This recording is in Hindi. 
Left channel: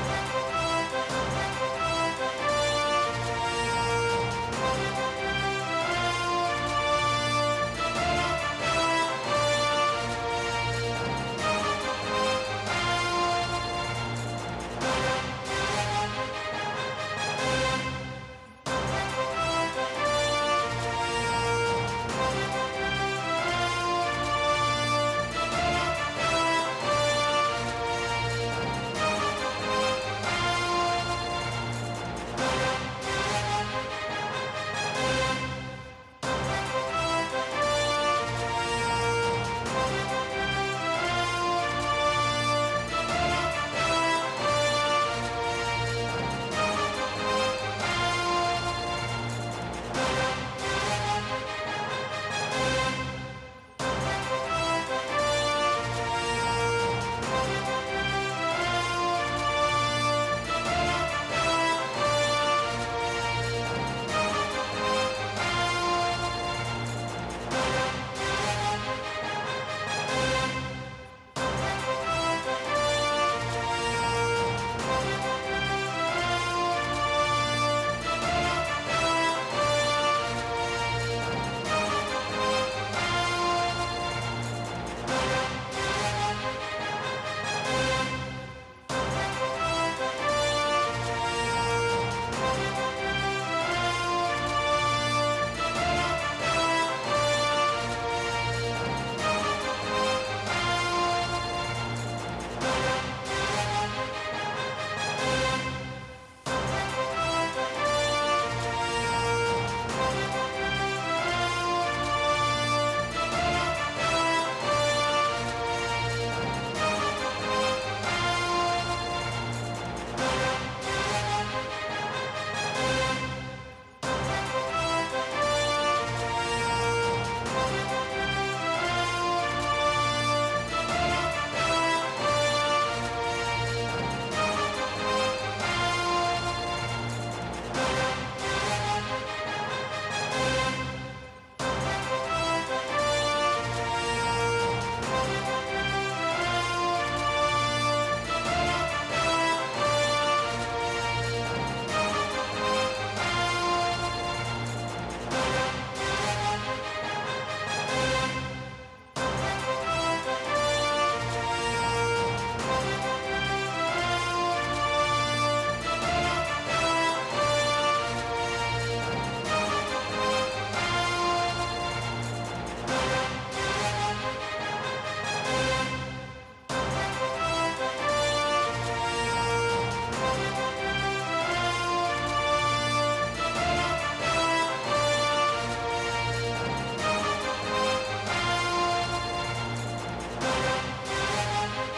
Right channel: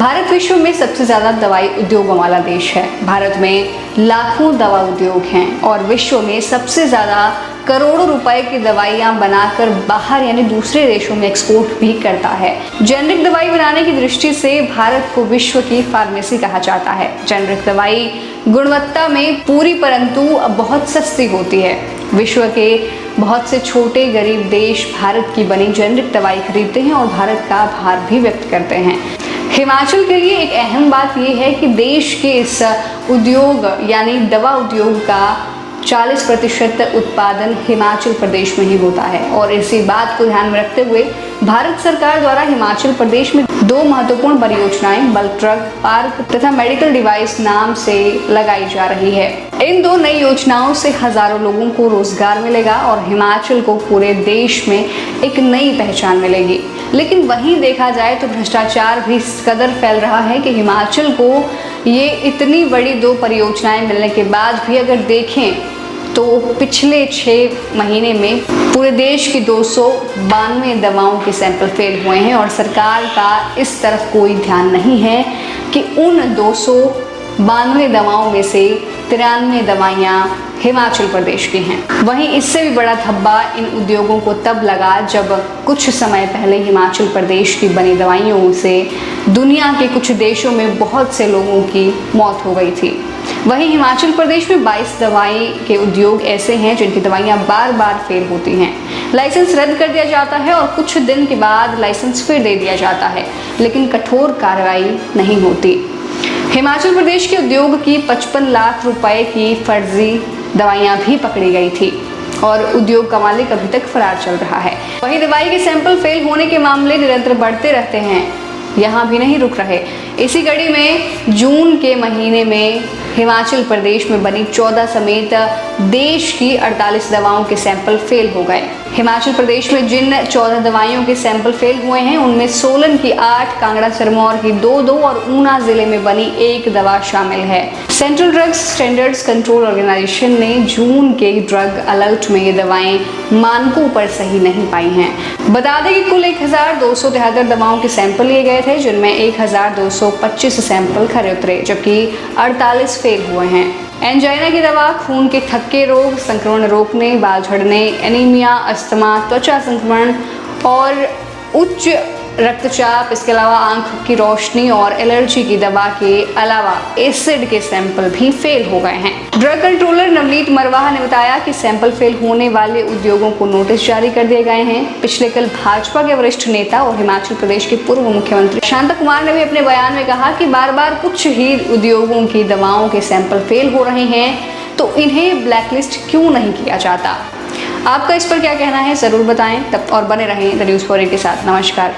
भारत विश्व में सबसे ज़्यादा दवाई उद्योगों वाला देश है। भारत में लाखों दवा उद्योग हैं और विश्व में सबसे ज़्यादा करोड़ों रुपए की दवाइयाँ बनाकर बाहर यानी दूसरे देशों में एक्सपोर्ट भी करता है। जेनरिक दवाई बनाने की दृष्टि से भारत को विश्व की फार्मेसी कहा जाता है। जेनरिक दवाई गुणवत्ता में पूरी परंतु बहुत सस्ती होती है। विश्व के बहुत से छोटे गरीब देश भारत की बनी जेनरिक दवाई खरीदते हैं और भारत का आभार भी व्यक्त करते हैं। हिमाचल के लिए एक अहम बात यह है कि देश के इस उद्योग यानी दवा उद्योग का 40% उत्पादन हिमाचल प्रदेश में ही होता है और इसी बात को ध्यान में रखते हुए भारत सरकार द्वारा हिमाचल प्रदेश में 2 महत्वपूर्ण परियोजनाएं बल्क ड्रग पार्क तथा मेडिकल डिवाइस नाम से लगाई जा रही है। इन 2 नई योजनाओं से हजारों लोगों को रोजगार मिलेगा और हिमाचल को पूरे देश में एक नई पहचान मिलेगी। लेकिन वहीं देखा जाए तो भ्रष्टाचार भी इस कदर फैल रहा है कि हिमाचल को ये इतनी बड़ी 2 परियोजनाएं मिलने के बाद भी अगर देखें तो पिछले 6 महीने में पूरे देश की 292 दवाओं के सैंपल फेल हुए हैं और सरकार का इस तरफ कोई ध्यान नहीं है कि उन 292 दवाओं में से 93 दवाइयाँ हिमाचल प्रदेश की हैं। वहीं इससे भी बड़ा धब्बा इन उद्योगों को तब लगा जब कुछ समय पहले हिमाचल प्रदेश की बनी दवाइयों से दुनिया के कुछ देशों में बहुत से लोगों की मौत हो गई थी। वहीं हिमाचल प्रदेश में 22 दवाई के उद्योग ऐसे हैं जिनकी दवाइयां बार बार फेल होती हैं। लाइसेंस रद्द कर दिया जाता है और कुछ दिन के बाद लाइसेंस फिर दे दिया जाता है, लेकिन कठोर कार्रवाई नहीं होती। हिमाचल प्रदेश के उद्योग की 55 लाख रुपए की फर्जी दवाइयां भी पकड़ी गई थी और उद्योग का मालिक अभी तक फरार चल रहा है। वहीं दवाई के सैंपल फेल होने के मामले निरंतर बढ़ते रहते हैं, यहाँ भी नहीं रुक रहे। इसी कड़ी में जून के महीने में हिमाचल प्रदेश में बनी 14 समेत देश की 48 दवाओं के सैंपल फेल हो गए। हिमाचल प्रदेश में जिन 14 दवाइयों के सैंपल फेल हुए हैं उनमें सोलन की 8, कांगड़ा सिरमौर की 2 और ऊना जिले में बनी 1 दवा शामिल है। Central drugs standards control organisation ने जून के ड्रग अलर्ट में ये दवाएं मानकों पर सही नहीं पाई हैं। बता दें कि कुल 1273 दवाओं के सैंपल लिए गए थे, जिनमें 1225 सैंपल खरे उतरे जबकि 48 फेल हुए हैं। एंजाइना की दवा खून के थक्के रोग, संक्रमण रोकने, बाल झड़ने, एनीमिया, अस्थमा, त्वचा संक्रमण और उच्च रक्तचाप, इसके अलावा आंख की रोशनी और एलर्जी की दवा के अलावा एसिड के सैंपल भी फेल हो गए हैं। ड्रग कंट्रोलर नवनीत मरवाहा ने बताया कि सैंपल फेल होने वाले उद्योगों को नोटिस जारी कर दिए गए हैं। पिछले कल भाजपा के वरिष्ठ नेता और हिमाचल प्रदेश के पूर्व मुख्यमंत्री शांता कुमार ने भी अपने बयान में कहा कि बार बार कुछ ही उद्योगों की दवाओं के सैंपल फेल हो रहे हैं तो इन्हें ब्लैकलिस्ट क्यों नहीं किया जाता। आपका इस पर क्या कहना है जरूर बताएं। तब और बने रहें द न्यूज़ फॉर के साथ। नमस्कार।